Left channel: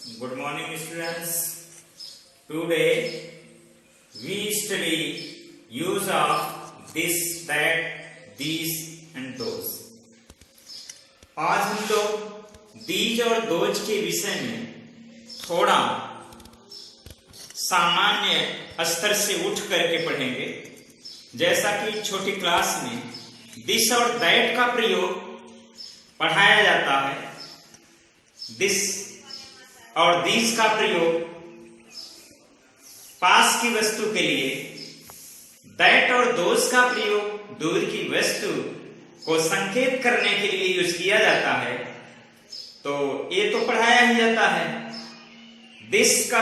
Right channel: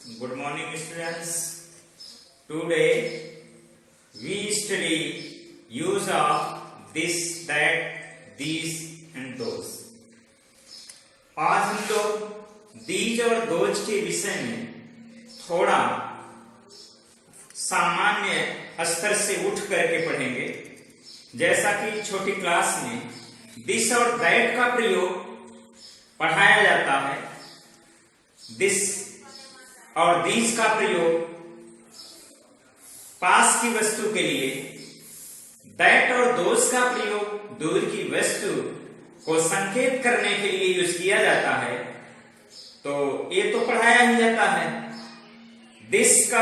Good morning, students. Today we study use of this, that, these and those. आज हम लोग these और those के विषय में थोड़ा सामान्य स्तर से उठ करके पढ़ेंगे। जैसा कि छोटी क्लास में this और that का प्रयोग पढ़ाया जाता है, this और these का प्रयोग पास की वस्तु के लिए, that और those का प्रयोग दूर की वस्तु को संकेत करने के लिए यूज किया जाता है। तो ये तो पढ़ाया ही जाता है। this का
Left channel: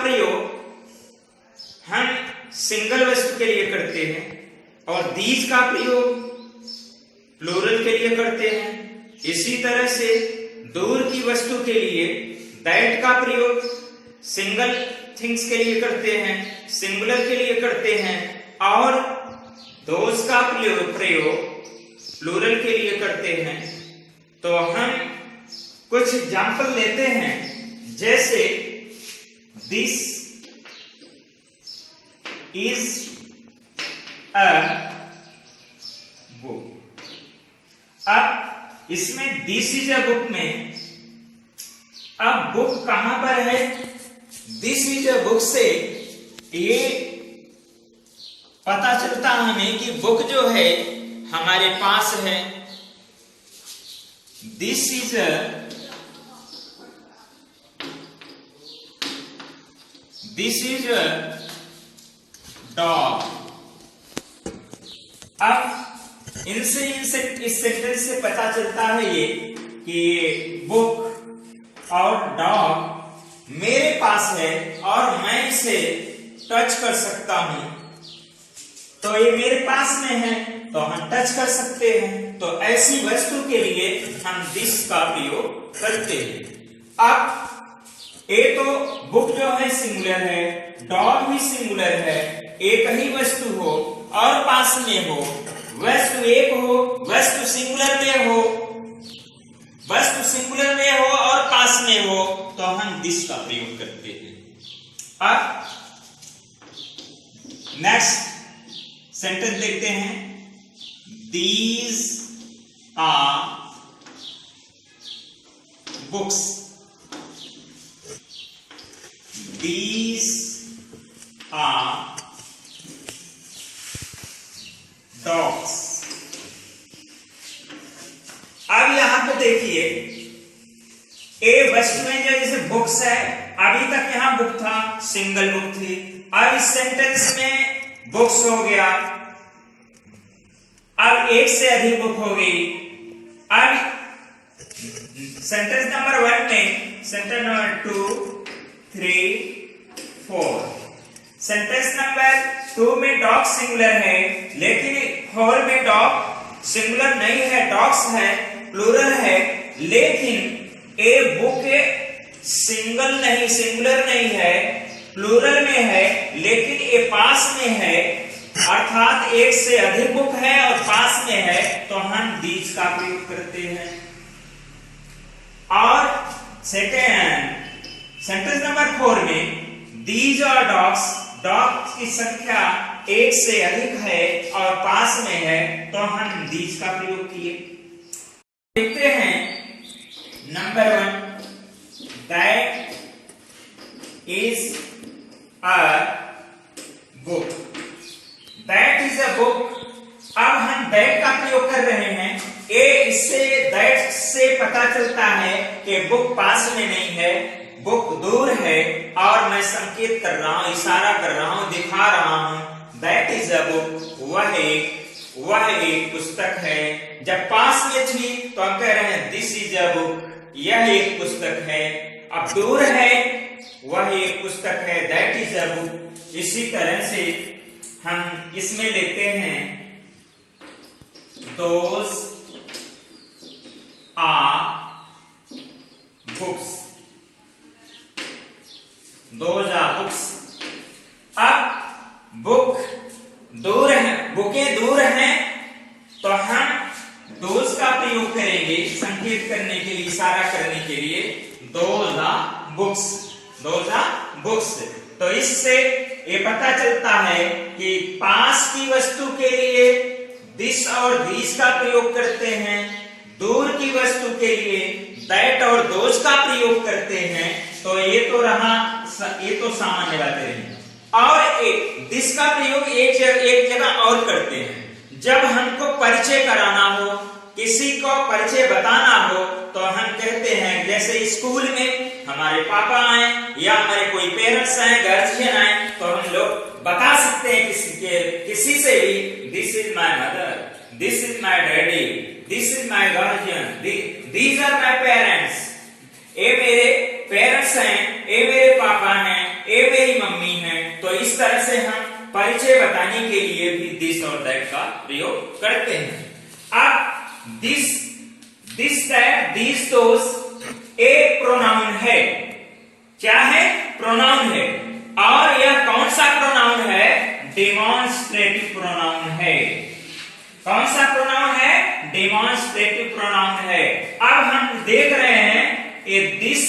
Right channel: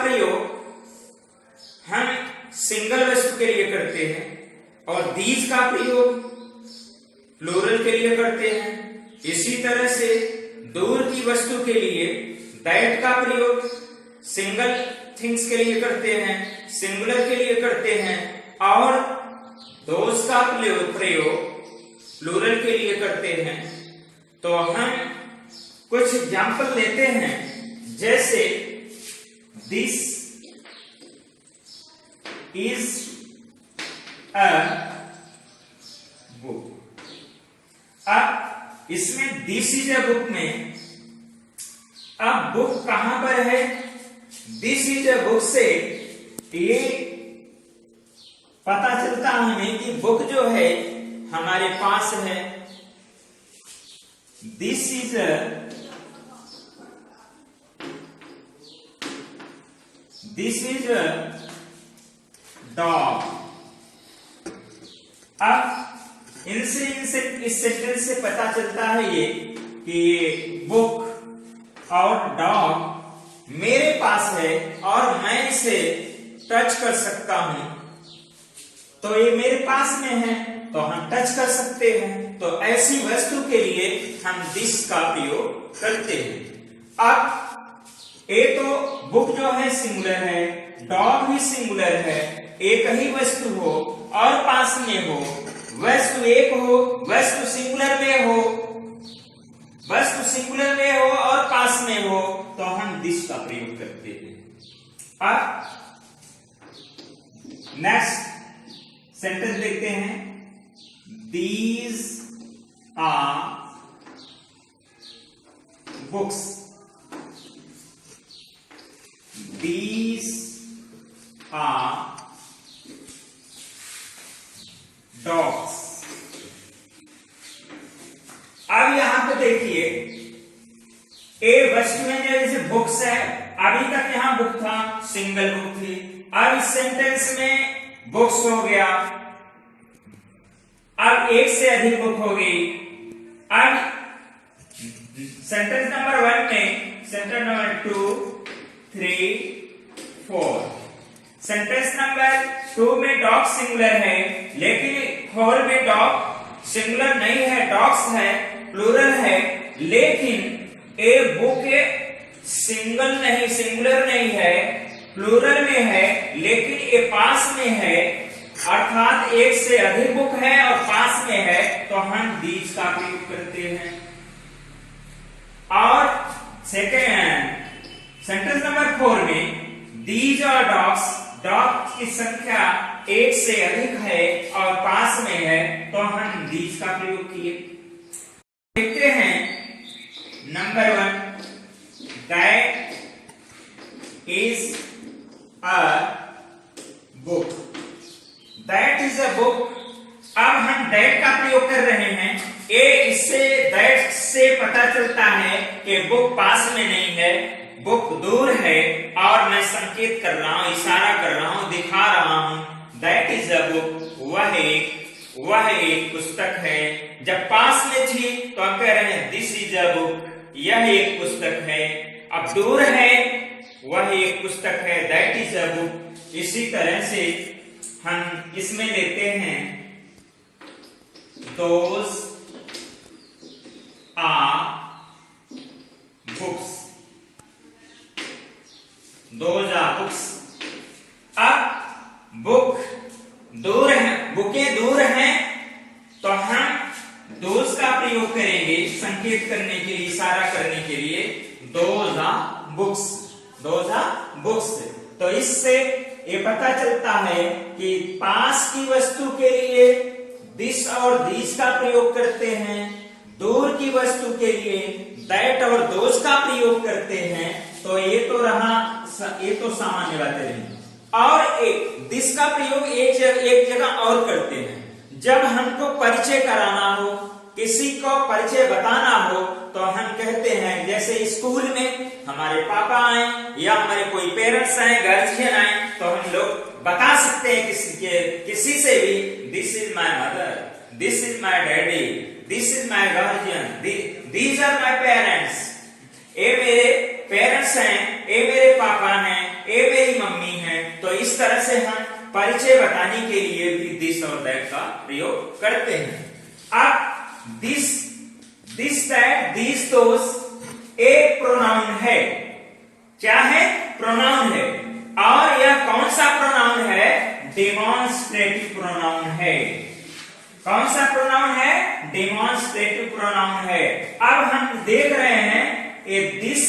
प्रयोग हम सिंगल वस्तु के लिए करते हैं और these का प्रयोग प्लूरल के लिए करते हैं। इसी तरह से दूर की वस्तु के लिए that का प्रयोग सिंगल थिंग्स के लिए करते हैं, सिंगुलर के लिए करते हैं, और those का प्रयोग प्लूरल के लिए करते हैं। तो हम कुछ एग्जाम्पल लेते हैं, जैसे this is a book। अब इसमें दिस इज अ बुक में अब बुक कहां पर है? दिस इज अ बुक से ये पता चलता है हमें कि बुक जो है हमारे पास है। This is a dog. अब इनसे इस सेंटेंस से पता चलता है ये कि बुक और डॉग मेरे पास है और मैं इसे टच कर सकता हूं। तो ये मेरे पास में है तो हम टच कर सकते हैं। तो ऐसी वस्तु के लिए हम दिस का प्रयोग करते हैं। अब ये तो बुक जो है सिंगुलर है, डॉग भी सिंगुलर है। एक ही वस्तु हो और पास में हो, वस्तु एक हो, वस्तु सिंगुलर में हो और पास में हो, तो हम दिस का प्रयोग करते हैं। अब नेक्स्ट सेंटेंस देखते हैं। These are books। These are dogs। अब यहां पे देखिए, ए वस्तुएं जो जैसे बुक्स है, अभी तक यहां बुक था, सिंगल बुक थी। अब इस सेंटेंस में बुक्स हो गया, अब एक से अधिक बुक हो गई। अब सेंटेंस नंबर 1 में, सेंटेंस नंबर 2, 3, 4। सेंटेंस नंबर 2 में डॉग सिंगुलर है, लेकिन हॉल में डॉग सिंगुलर नहीं है, डॉग्स है, प्लूरल है। लेकिन ए बुक सिंगुलर नहीं है, प्लूरल में है, लेकिन ए पास में है, अर्थात एक से अधिक बुक है और पास में है, तो हम दीज का प्रयोग करते हैं। और सेकेंड सेंटेंस नंबर 4 में दीज और डॉग्स, डॉग की संख्या एक से अधिक है और पास में है, तो हम दीज का प्रयोग किए। देखते हैं number 1, that is a book. That is a book. अब हम दैट का प्रयोग कर रहे हैं। इससे दैट से पता चलता है कि बुक पास में नहीं है, बुक दूर है, और मैं संकेत कर रहा हूं, इशारा कर रहा हूं, दिखा रहा हूं। That is a book. वह एक पुस्तक है। जब पास में थी तो हम कह रहे हैं दिस इज अ बुक, यह एक पुस्तक है। अब दूर है, वह एक पुस्तक है, दैट इज अ बुक। इसी तरह से हम इसमें लेते हैं those are books. Those are books. अब बुक दूर है, बुकें दूर हैं, तो हम दोज का प्रयोग करेंगे संकेत करने करने के लिए, इशारा करने के लिए those are books, those are books। तो इससे ये पता चलता है कि पास की वस्तु के लिए दिस और दीस का प्रयोग करते हैं, दूर की वस्तु के लिए दैट और दोज का प्रयोग करते हैं। तो ये तो रहा, ये तो सामान्य बातें रही। और एक दिस का प्रयोग एक जगह और करते हैं, जब हमको परिचय कराना हो, किसी को परिचय बताना हो, तो हम कहते हैं, जैसे स्कूल में हमारे पापा आए या हमारे कोई पेरेंट्स आए, गार्जियन आए, तो हम लोग बता सकते हैं किसी से भी, this is my mother, this is my daddy, this is my guardian, these are my parents. ये मेरे पेरेंट्स हैं, ये मेरे पापा हैं, ये मेरी मम्मी हैं। तो इस तरह से हम परिचय बताने के लिए भी दिस और दैट का प्रयोग करते हैं। अब दिस, दैट, दीज, दोस एक प्रोनाउन है। क्या है? प्रोनाउन है। और यह कौन सा प्रोनाउन है? डेमोन्स्ट्रेटिव प्रोनाउन है। कौन सा प्रोनाउन है? डेमोन्स्ट्रेटिव प्रोनाउन है। अब हम देख रहे हैं ये this,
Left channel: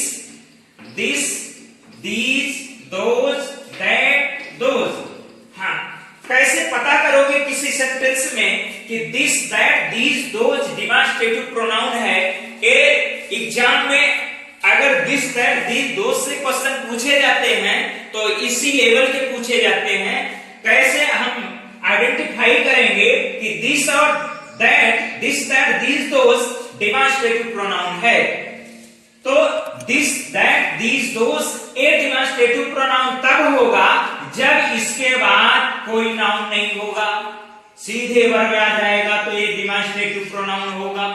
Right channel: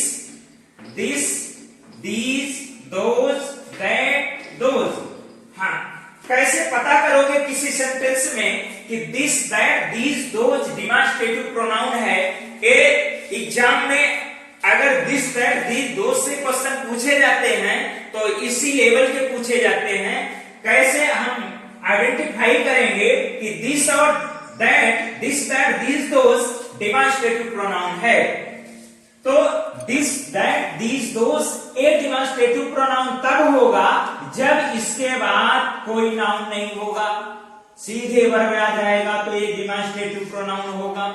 these, those, that, those. हाँ, कैसे पता करोगे किसी सेंटेंस में कि this, that, these, those demonstrative pronoun है? एग्जाम में अगर दिस, दैट, दीज, दोज से क्वेश्चन पूछे जाते हैं तो इसी लेवल के पूछे जाते हैं। कैसे हम आइडेंटिफाई करेंगे कि दिस और that, this, that, these, those demonstrative pronoun है? तो दिस, दैट, दीज, दोज एक डेमोन्स्ट्रेटिव प्रोनाउन तब होगा जब इसके बाद कोई नाउन नहीं होगा, सीधे वर्ब आ जाएगा तो ये डेमोन्स्ट्रेटिव प्रोनाउन होगा।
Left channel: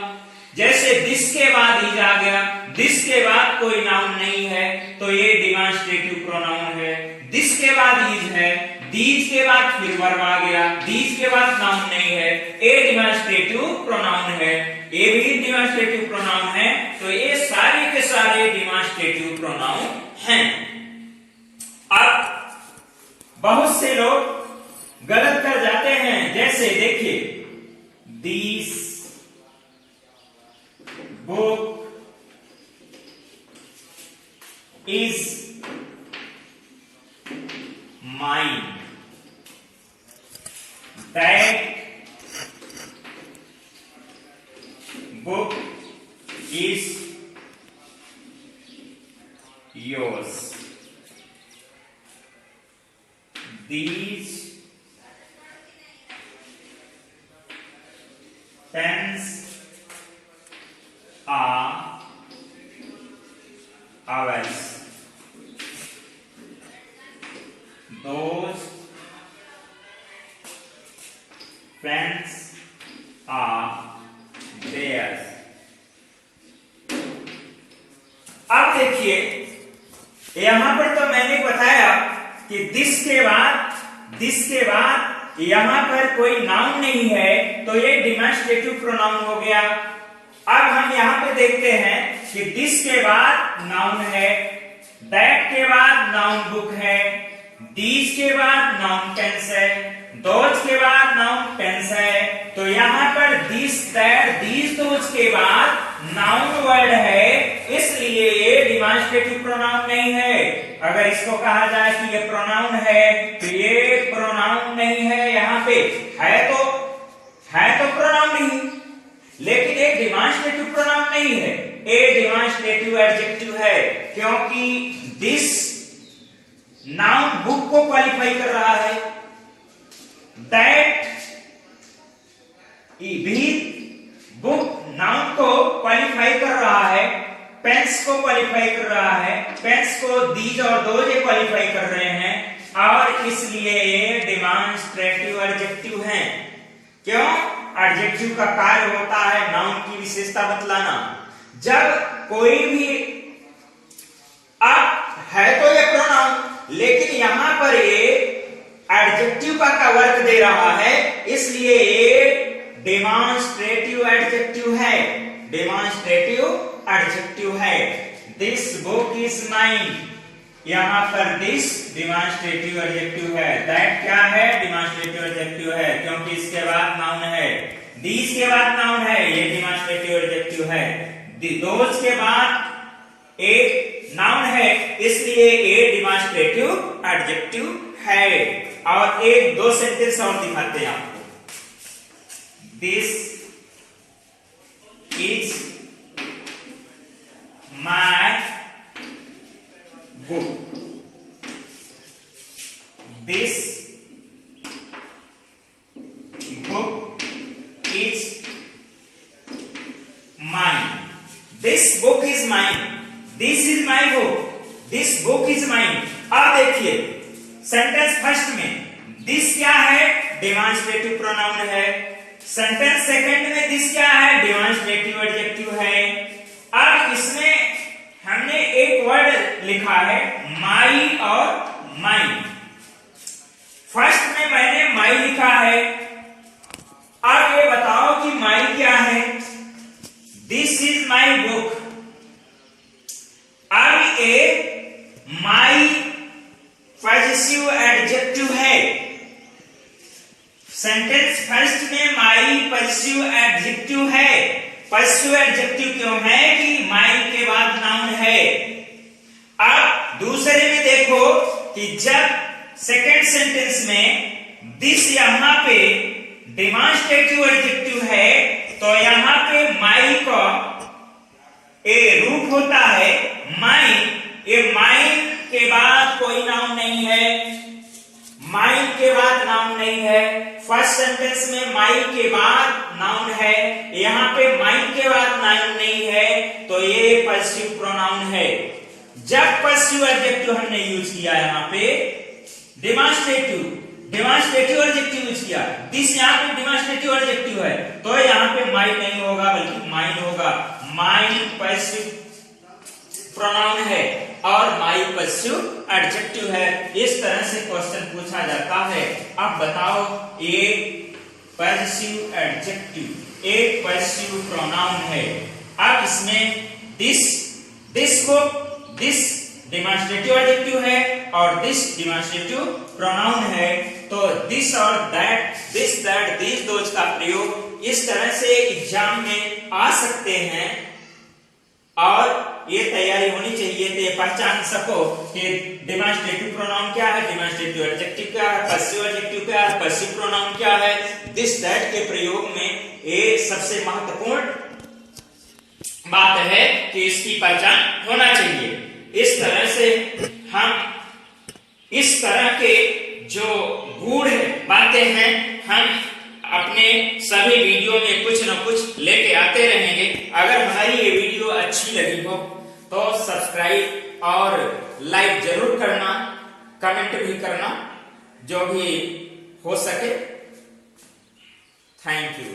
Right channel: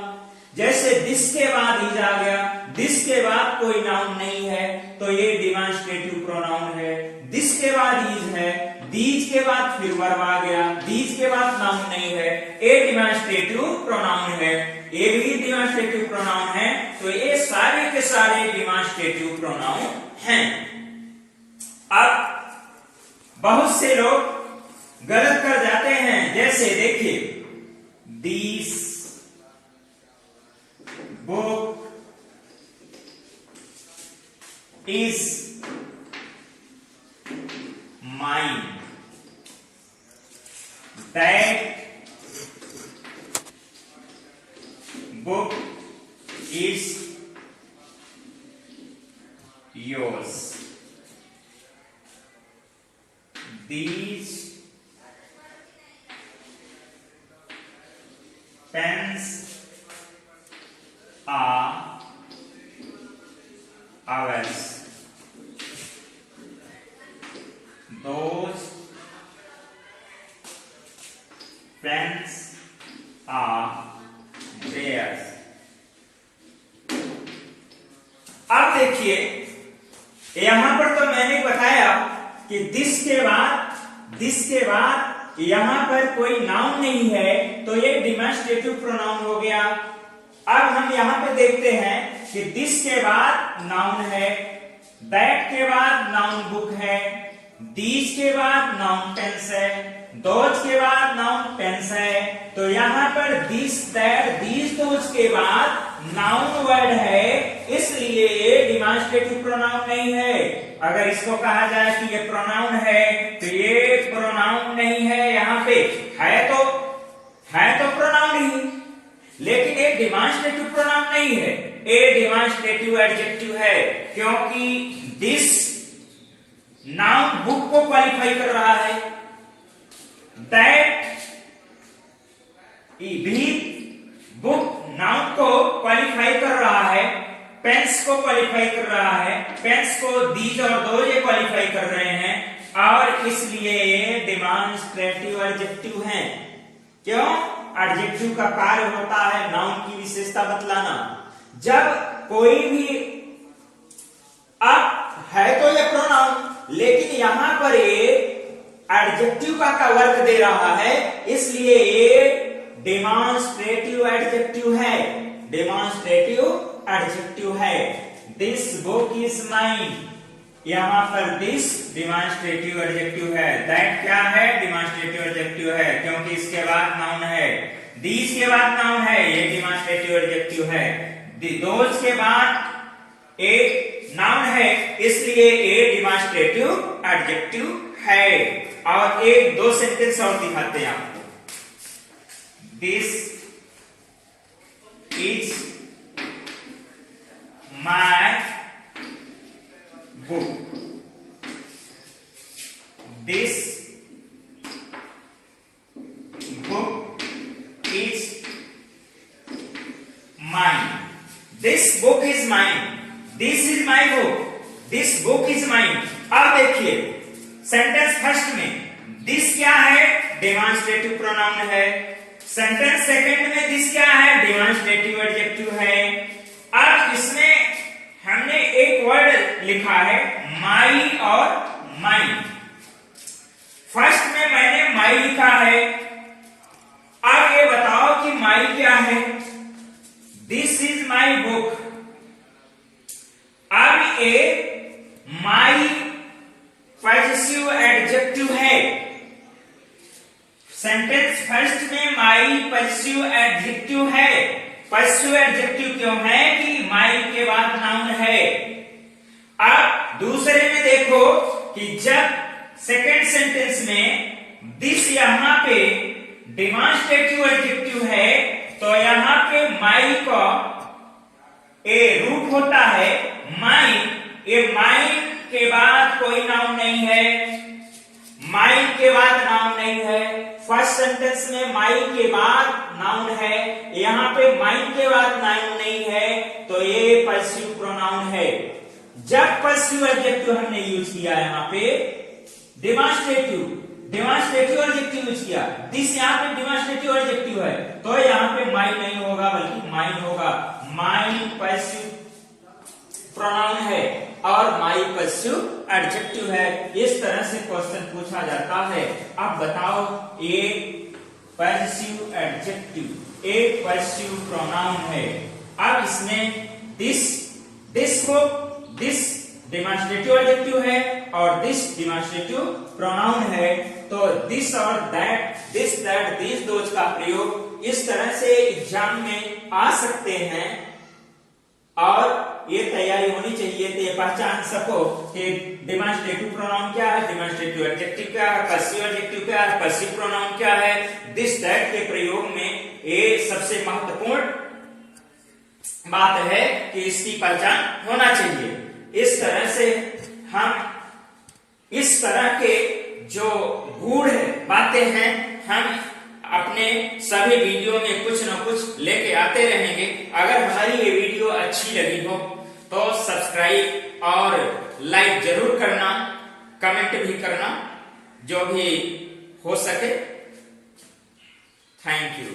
जैसे दिस के बाद इज आ गया, दिस के बाद कोई नाउन नहीं है तो ये डेमोन्स्ट्रेटिव प्रोनाउन है। दिस के बाद इज है, दीज के बाद फिर वर्ब आ गया, दीज के बाद नाउन नहीं है, ये डेमोन्स्ट्रेटिव प्रोनाउन है, ये भी डेमोन्स्ट्रेटिव प्रोनाउन है। तो ये सारे के सारे डेमोन्स्ट्रेटिव प्रोनाउन हैं। अब बहुत से लोग गलत कर जाते हैं, जैसे देखिए, this book is mine, that book is yours, these pens are ours, those pens are theirs। अब देखिए, यहां पर तो मैंने बताया कि दिस के बाद यहां पर कोई नाउन नहीं है तो ये डेमोन्स्ट्रेटिव प्रोनाउन हो गया। अब हम यहां पर देखते हैं कि दिस के बाद नाउन है, दैट के बाद नाउन बुक है, दीज के बाद नाउन पेन्स है, दोज के बाद नाउन पेन्स है। तो यहां पर दिस, दैट, दीज, दोज के बाद नाउन वर्ड है, इसलिए ये डेमोन्स्ट्रेटिव प्रोनाउन नहीं है। अगर इसको कहा जाए कि ये प्रोनाउन है तो ये प्रोनाउन नहीं है। यहां पे है तो प्रोनाउन ही, लेकिन ये डेमोन्स्ट्रेटिव प्रोनाउन नहीं है, ये डेमोन्स्ट्रेटिव एडजेक्टिव है, क्योंकि दिस नाउन बुक को क्वालिफाई कर रहा है, दैट भी बुक नाउन को क्वालिफाई कर रहा है, पेन्स को क्वालिफाई कर रहा है, पेन्स को दीज और दोज क्वालिफाई कर रहे हैं, और इसलिए ये डेमोन्स्ट्रेटिव एडजेक्टिव हैं। क्यों? एडजेक्टिव का कार्य होता है नाउन की विशेषता बतलाना। जब कोई भी अब है तो ये प्रोनाउन, लेकिन यहां पर ये एडजेक्टिव का वर्क दे रहा है, इसलिए ये डेमोन्स्ट्रेटिव एडजेक्टिव है, डेमोन्स्ट्रेटिव एडजेक्टिव है। दिस बुक इज माइन, यहां पर दिस डेमोन्स्ट्रेटिव एडजेक्टिव है, दैट क्या है? डेमोन्स्ट्रेटिव एडजेक्टिव है, क्योंकि इसके बाद नाउन है, दीज के बाद नाउन है, ये डेमोन्स्ट्रेटिव एडजेक्टिव है, दोज के बाद एक नाउन है, इसलिए ए डिमॉन्स्ट्रेटिव एडजेक्टिव है। और एक दो सेंटेंस और दिखाते हैं आपको। This is my book, this book is mine, this book is mine, this is my book, this book is mine। अब देखिए सेंटेंस फर्स्ट में दिस क्या है, डेमॉन्स्ट्रेटिव प्रोनाउन है। सेंटेंस सेकंड में दिस क्या है, डेमॉन्स्ट्रेटिव एडजेक्टिव है। अब इसमें हमने एक वर्ड लिखा है माई और माइन। फर्स्ट में मैंने माई लिखा है। अब ये बताओ कि माई क्या है। This is my book. अब ये माई पॉजिटिव एडजेक्टिव है। सेंटेंस फर्स्ट में माई पॉजिटिव एडजेक्टिव है। पॉजिटिव एडजेक्टिव क्यों है कि माई के बाद नाउन है। अब दूसरे में देखो कि जब सेकेंड सेंटेंस में दिस यहां पे डेमॉन्स्ट्रेटिव एडजेक्टिव है तो यहां पे माई का ए रूप होता है माइन। ये माइन के बाद कोई नाउन नहीं है, माइन के बाद नाउन नहीं है। फर्स्ट सेंटेंस में माई के बाद नाउन है, यहां पे माइन के बाद नाउन नहीं है, तो ये पॉजिटिव प्रोनाउन है। जब पॉजिटिव एडजेक्टिव हमने यूज किया यहां पे डेमॉन्स्ट्रेटिव एडजेक्टिव यूज किया, दिस यहाँ पे डेमॉन्स्ट्रेटिव एडजेक्टिव है, तो यहाँ पे माइन नहीं होगा बल्कि माइन होगा। माइन पॉजिटिव प्रोनाउन है और माई पॉजिटिव एडजेक्टिव है। इस तरह से क्वेश्चन पूछा जाता है। अब बताओ एक पॉजिटिव एडजेक्टिव एक पॉजिटिव प्रोनाउन है। अब इसमें दिस को दिस डेमॉन्स्ट्रेटिव एडजेक्टिव है और दिस डेमॉन्स्ट्रेटिव प्रोनाउन है, तो दिस और that, this that this those का प्रयोग इस तरह से एग्जाम में आ सकते हैं और ये तैयारी होनी चाहिए तो ये पहचान सको कि डेमॉन्स्ट्रेटिव प्रोनाउन क्या है, डेमॉन्स्ट्रेटिव एडजेक्टिव क्या है, पॉजिटिव एडजेक्टिव क्या है, पॉजिटिव प्रोनाउन क्या है। दिस दैट के प्रयोग में ये सबसे महत्वपूर्ण बात है कि इसकी पहचान होना चाहिए। इस तरह से हम इस तरह के जो गूढ़ बातें हैं हम अपने सभी वीडियो में कुछ न कुछ लेके आते रहेंगे। अगर हमारी ये वीडियो अच्छी लगी हो तो सब्सक्राइब और लाइक जरूर करना, कमेंट भी करना जो भी हो सके। Thank you.